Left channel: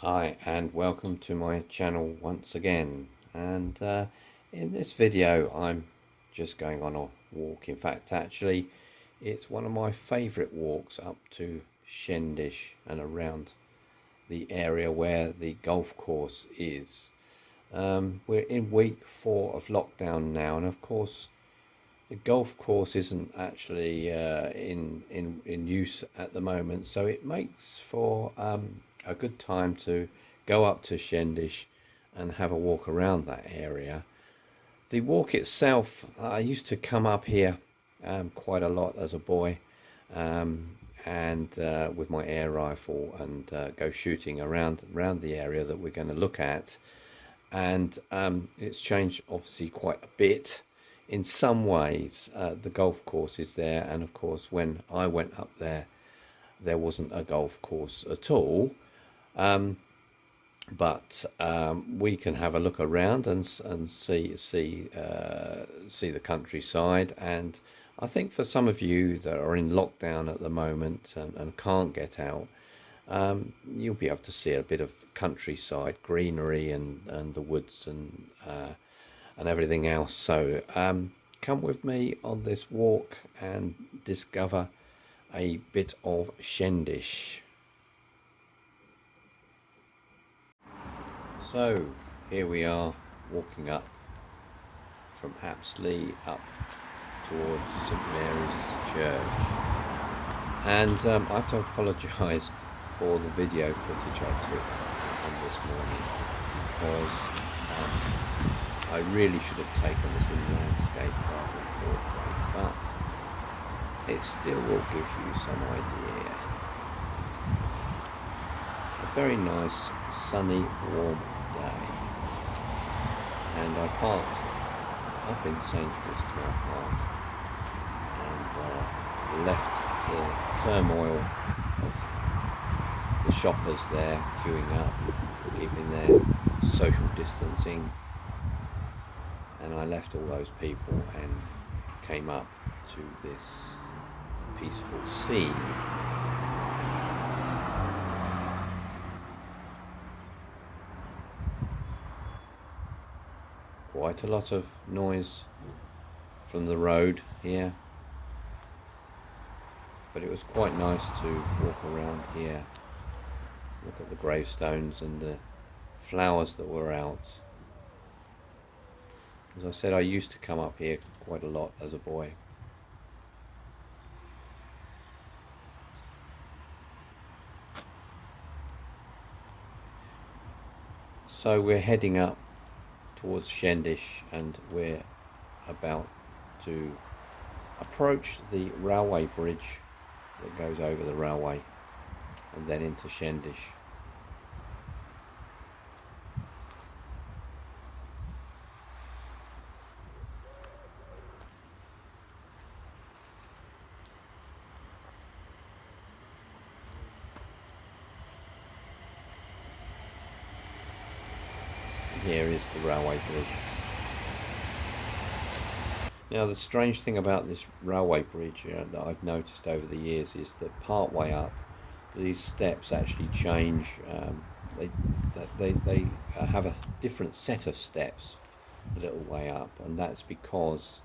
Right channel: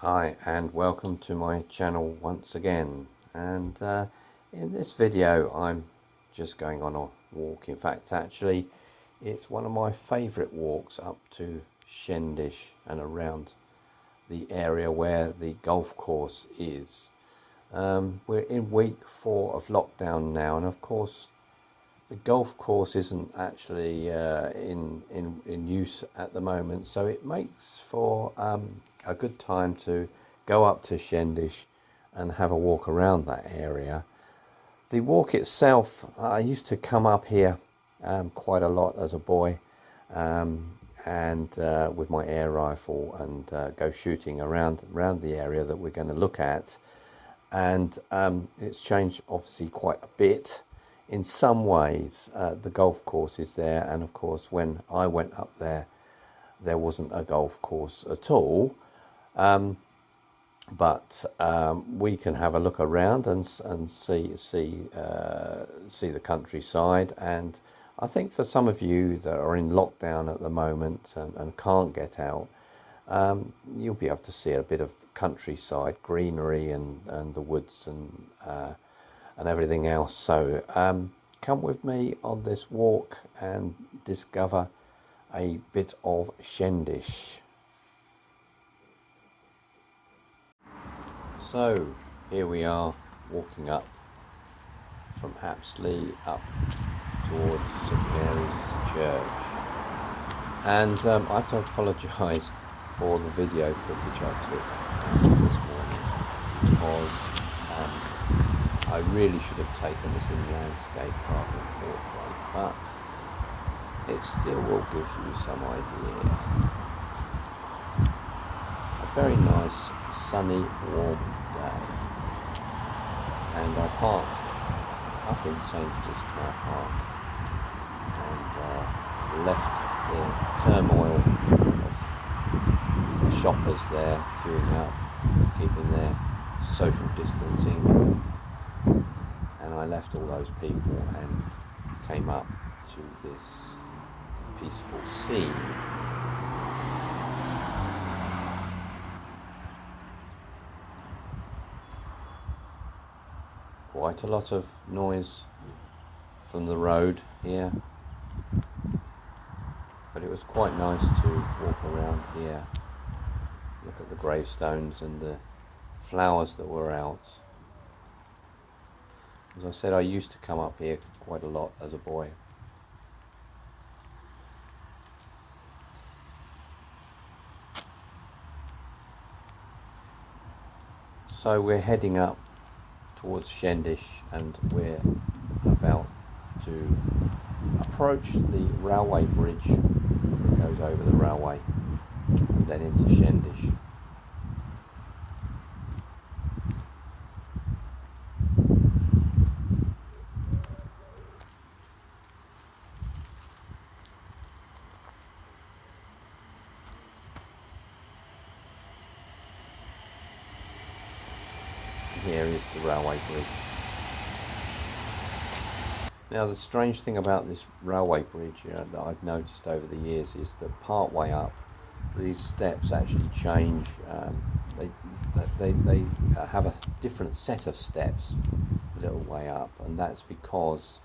Hi and welcome to my channel once again, and in this video I'm just going on a walk. In fact, actually it's one of my favorite walks up to Shendish and around the area where the golf course is. We're in week 4 of lockdown now, and of course the golf course isn't actually in use at the moment, so it makes for a good time to go up to Shendish and have a walk around that area. The walk itself, I used to come up here quite a lot as a boy, and with my air rifle and go shooting around the area that we're going to look at. And it's changed obviously quite a bit. In some ways, the golf course is there, and of course when I went up there wasn't a golf course at all, but we can have a look around and see the countryside. And I think for some of you that are in lockdown at the moment and can't get out, you'll be able to see a bit of countryside, greenery, and the woods and everything else. So come with me on this walk and discover a bit of Shendish. So here we are walking up from Apsley up towards St Mary's Church, and I have to apologise for the video footage I took this morning, because I really should have taken this in landscape rather than portrait, but it still will give you some idea. A very nice sunny warm day, and I parked up in Sainsbury's car park and left the turmoil of the shoppers there queuing up, keeping their social distancing, and I left all those people and came up to this peaceful scene. Quite a lot of noise from the road here, but it was quite nice to walk around here, look at the gravestones and the flowers that were out. As I said, I used to come up here quite a lot as a boy. So we're heading up towards Shendish, and we're about to approach the railway bridge that goes over the railway and then into Shendish. Here is the railway bridge. Now, the strange thing about this railway bridge, that I've noticed over the years, is that part way up, these steps actually change. They have a different set of steps a little way up, and that's because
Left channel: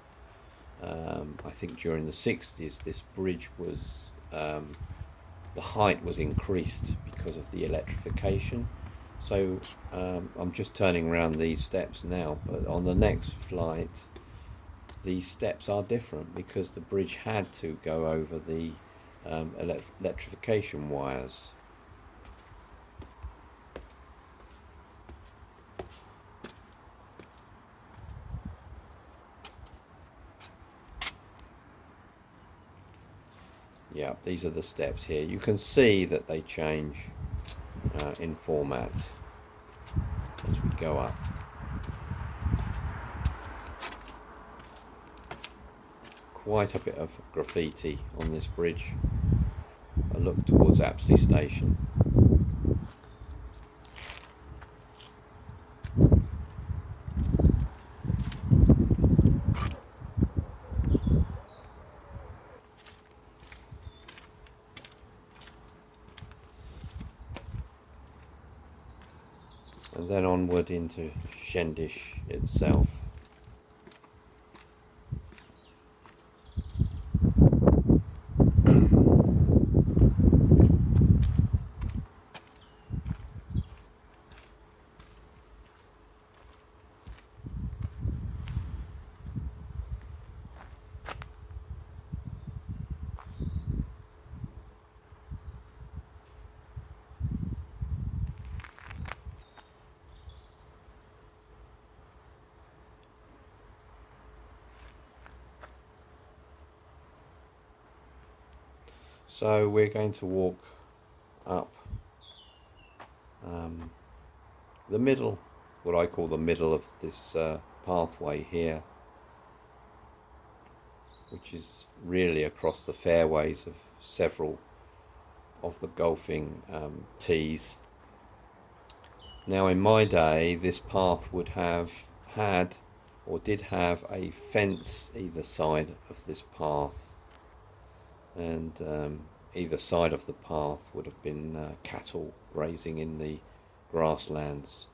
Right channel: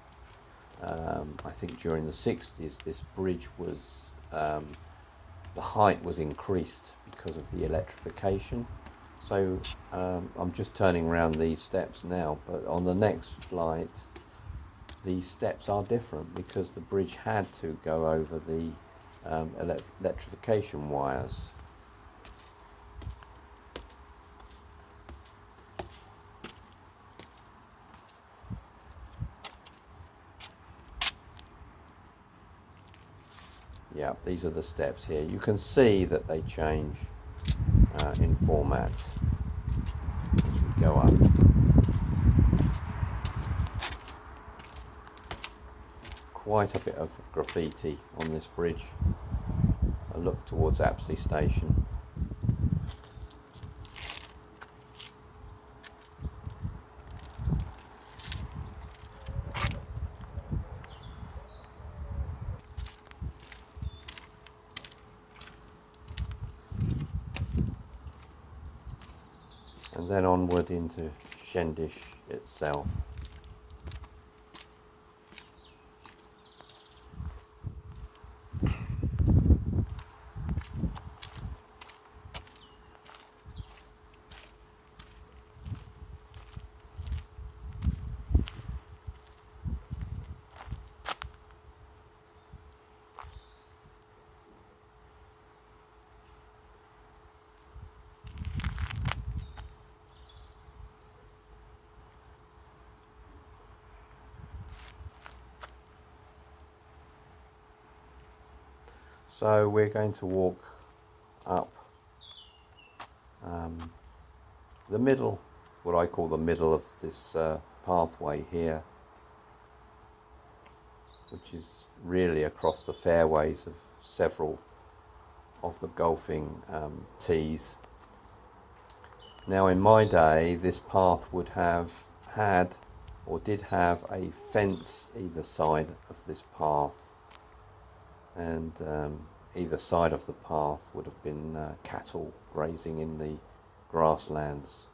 I think during the 60s this bridge was, the height was increased because of the electrification. So I'm just turning around these steps now, but on the next flight these steps are different because the bridge had to go over the electrification wires. Yeah, these are the steps here. You can see that they change in format as we go up. Quite a bit of graffiti on this bridge. I look towards Apsley Station. and then onward into Shendish itself. So we're going to walk up the middle, what I call the middle of this pathway here, which is really across the fairways of several of the golfing tees. Now in my day, this path would have had, or did have, a fence either side of this path, and either side of the path would have been cattle grazing in the grasslands.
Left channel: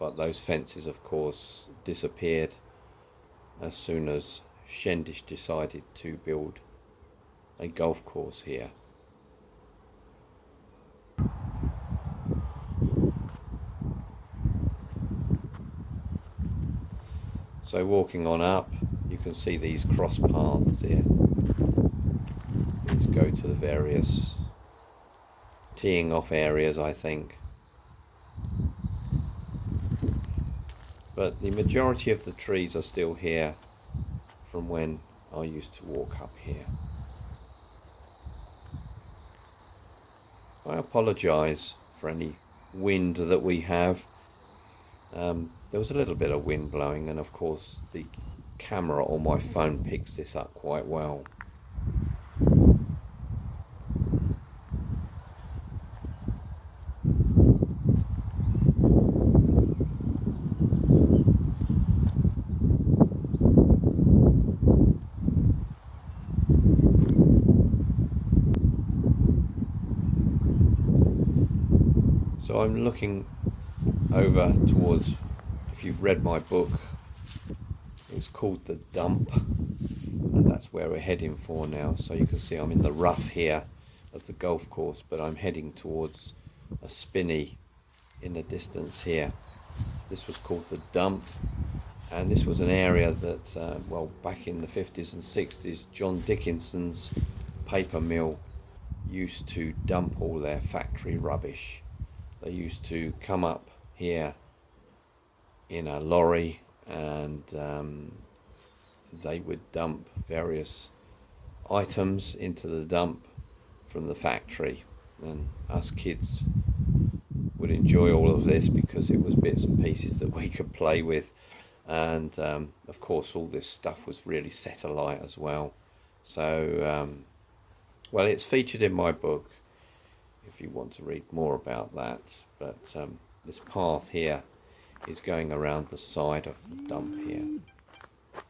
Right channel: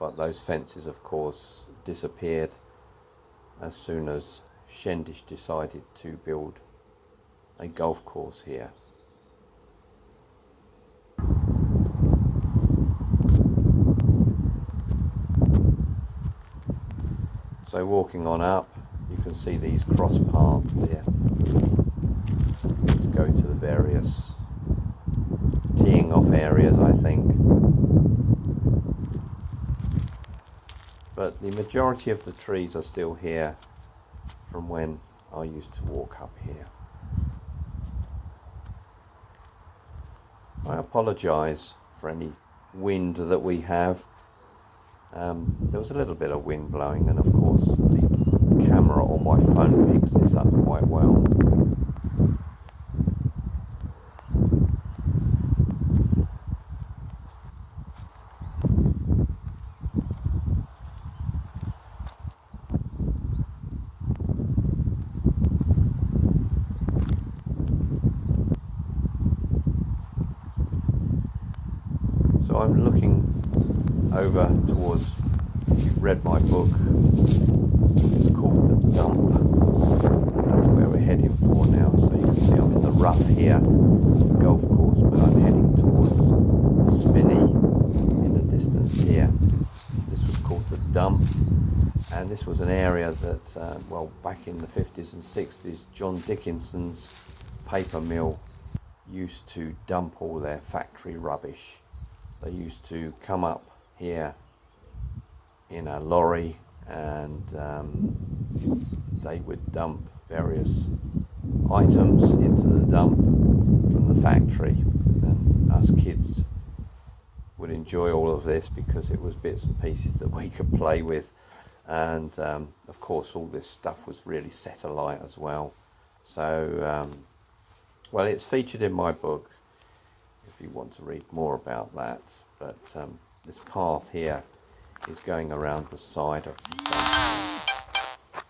But those fences, of course, disappeared as soon as Shendish decided to build a golf course here. So walking on up, you can see these cross paths here. These go to the various teeing off areas, I think. But the majority of the trees are still here from when I used to walk up here. I apologise for any wind that we have. There was a little bit of wind blowing, and of course the camera on my phone picks this up quite well. So I'm looking over towards, if you've read my book, it's called The Dump, and that's where we're heading for now. So you can see I'm in the rough here of the golf course, but I'm heading towards a spinney in the distance here. This was called The Dump, and this was an area that, well, back in the 50s and 60s, John Dickinson's paper mill used to dump all their factory rubbish. They used to come up here in a lorry, and they would dump various items into the dump from the factory, and us kids would enjoy all of this because it was bits and pieces that we could play with, and of course all this stuff was really set alight as well. So well, it's featured in my book if you want to read more about that, but this path here is going around the side of the dump here.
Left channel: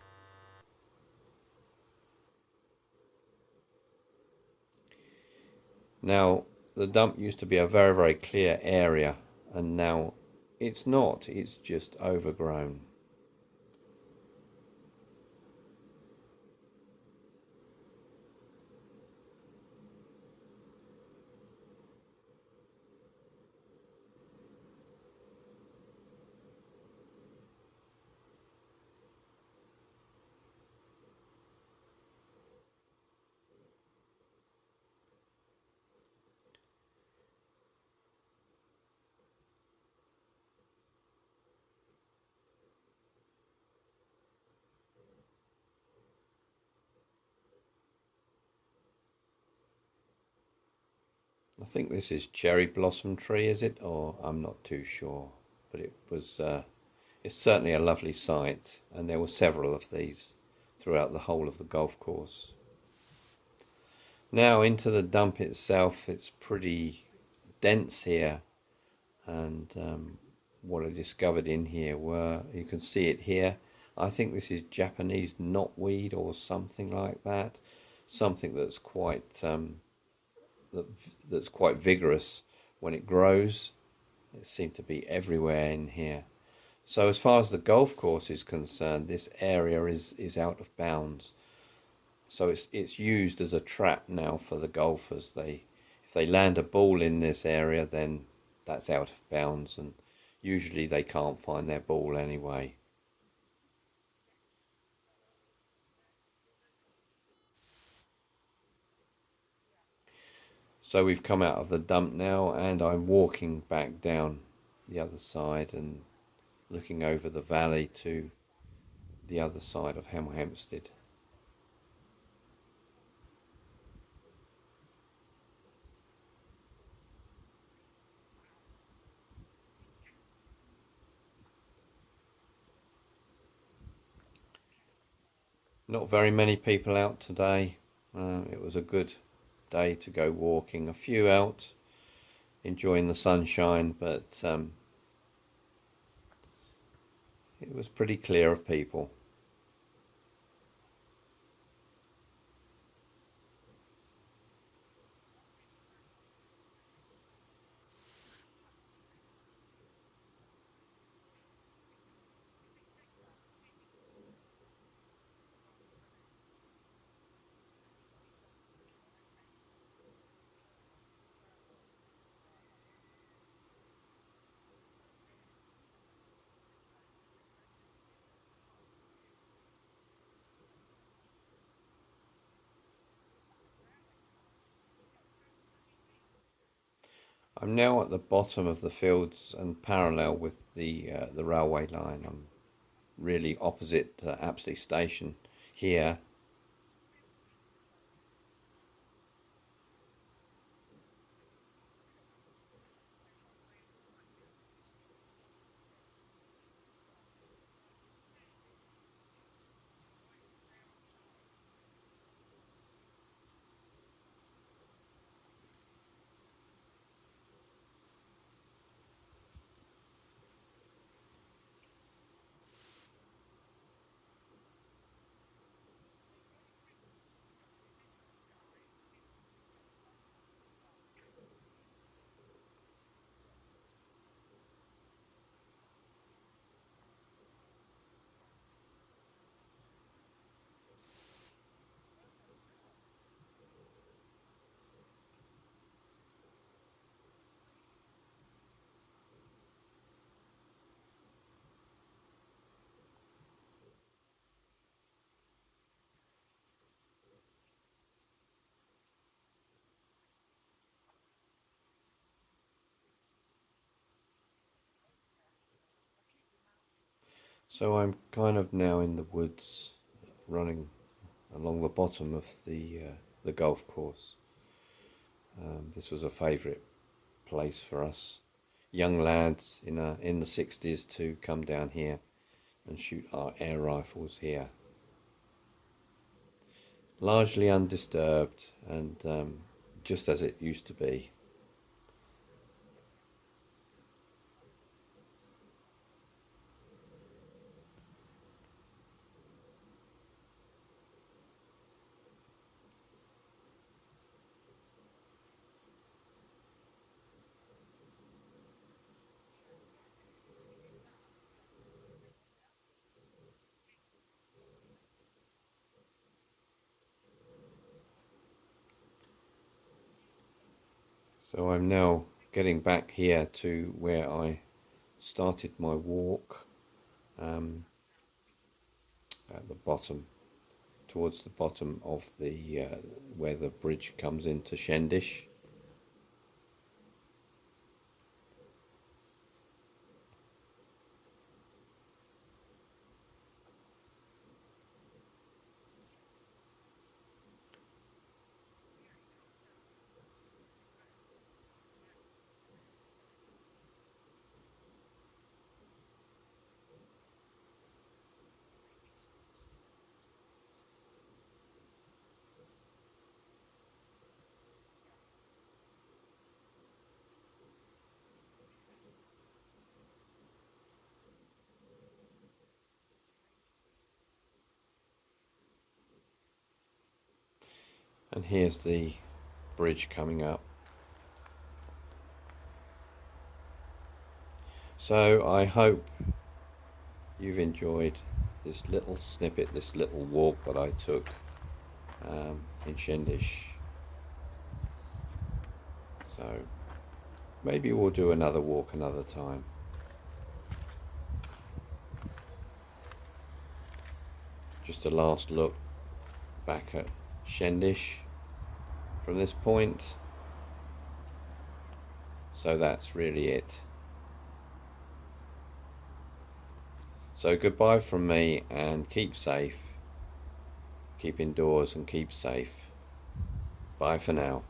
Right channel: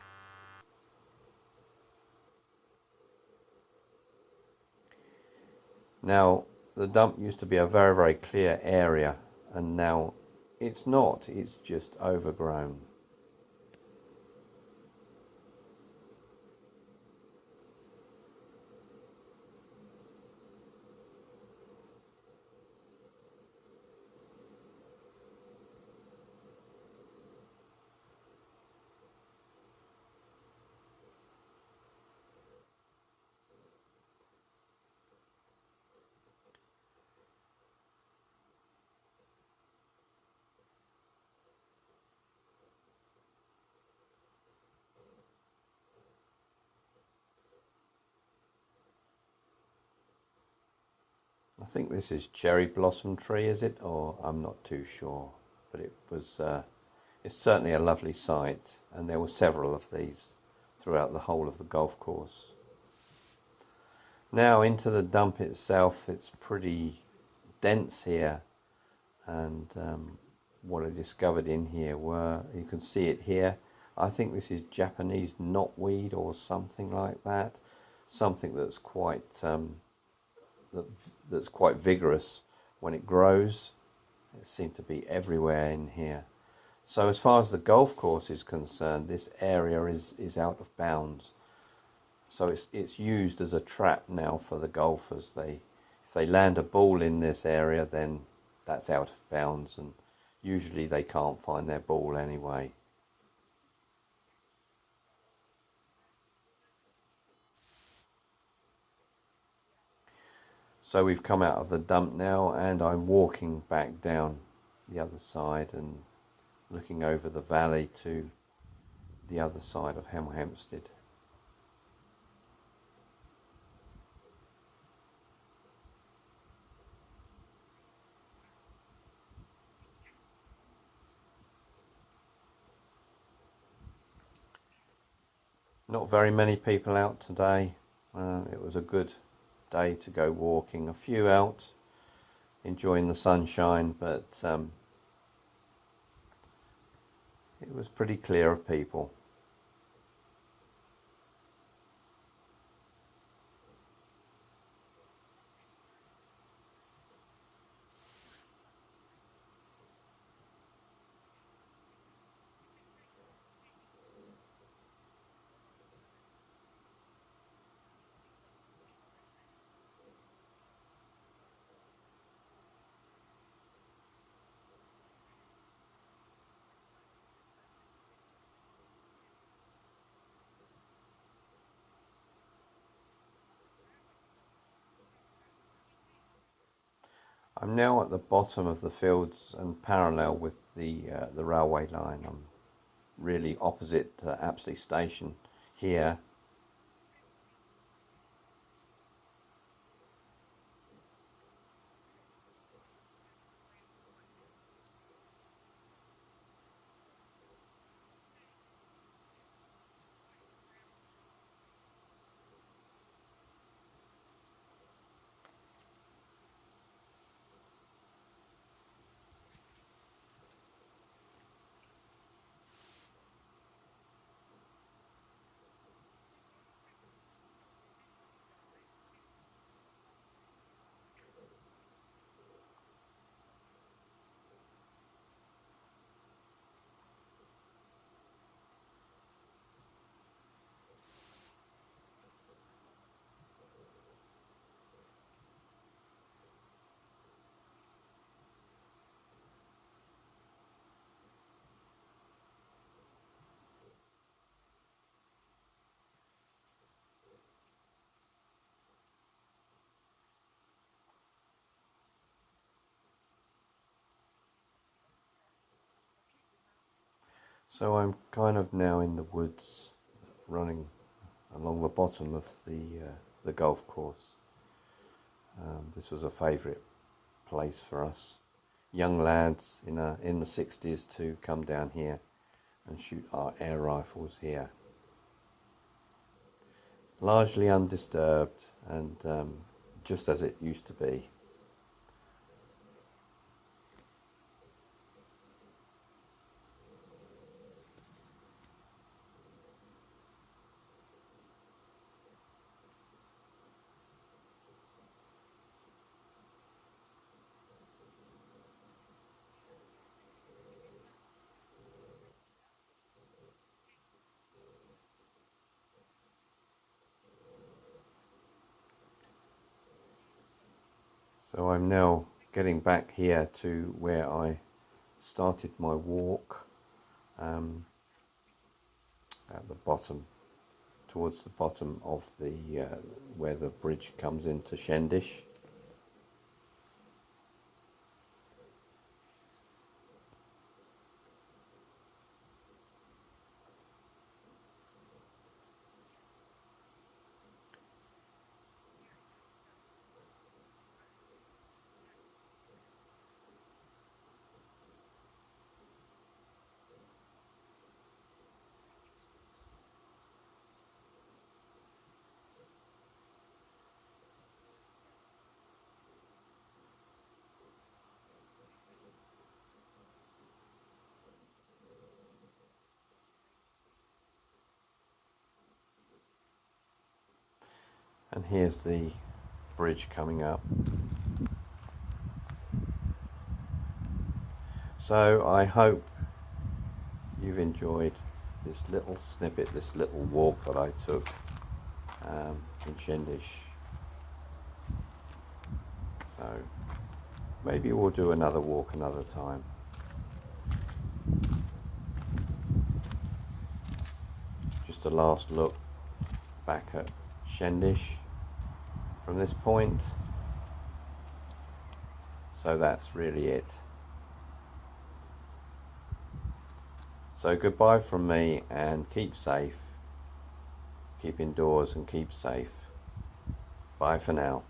Now, the dump used to be a very, very clear area, and now it's not, it's just overgrown. I think this is cherry blossom tree, is it? Or I'm not too sure, but it was, it's certainly a lovely sight, and there were several of these throughout the whole of the golf course. Now into the dump itself, it's pretty dense here, and what I discovered in here were, you can see it here, I think this is Japanese knotweed or something like that, something that's quite that's quite vigorous when it grows, It seemed to be everywhere in here. So as far as the golf course is concerned, this area is out of bounds. So it's used as a trap now for the golfers. If they land a ball in this area, then that's out of bounds, and usually they can't find their ball anyway. So we've come out of the dump now, and I'm walking back down the other side and looking over the valley to the other side of Hemel Hempstead. Not very many people out today. It was a good day to go walking. A few out enjoying the sunshine, but it was pretty clear of people. I'm now at the bottom of the fields and parallel with the railway line. I'm really opposite Apsley Station here. So I'm kind of now in the woods, running along the bottom of the golf course. This was a favourite place for us young lads in the 60s to come down here and shoot our air rifles here. Largely undisturbed and just as it used to be. So I'm now getting back here to where I started my walk, um, at the bottom, towards the bottom of the where the bridge comes into Shendish. And here's the bridge coming up. So I hope you've enjoyed this little snippet, this little walk that I took in Shendish. So maybe we'll do another walk another time. Just a last look back at Shendish from this point. So that's really it. So goodbye from me, and keep safe, keep indoors and keep safe. Bye for now.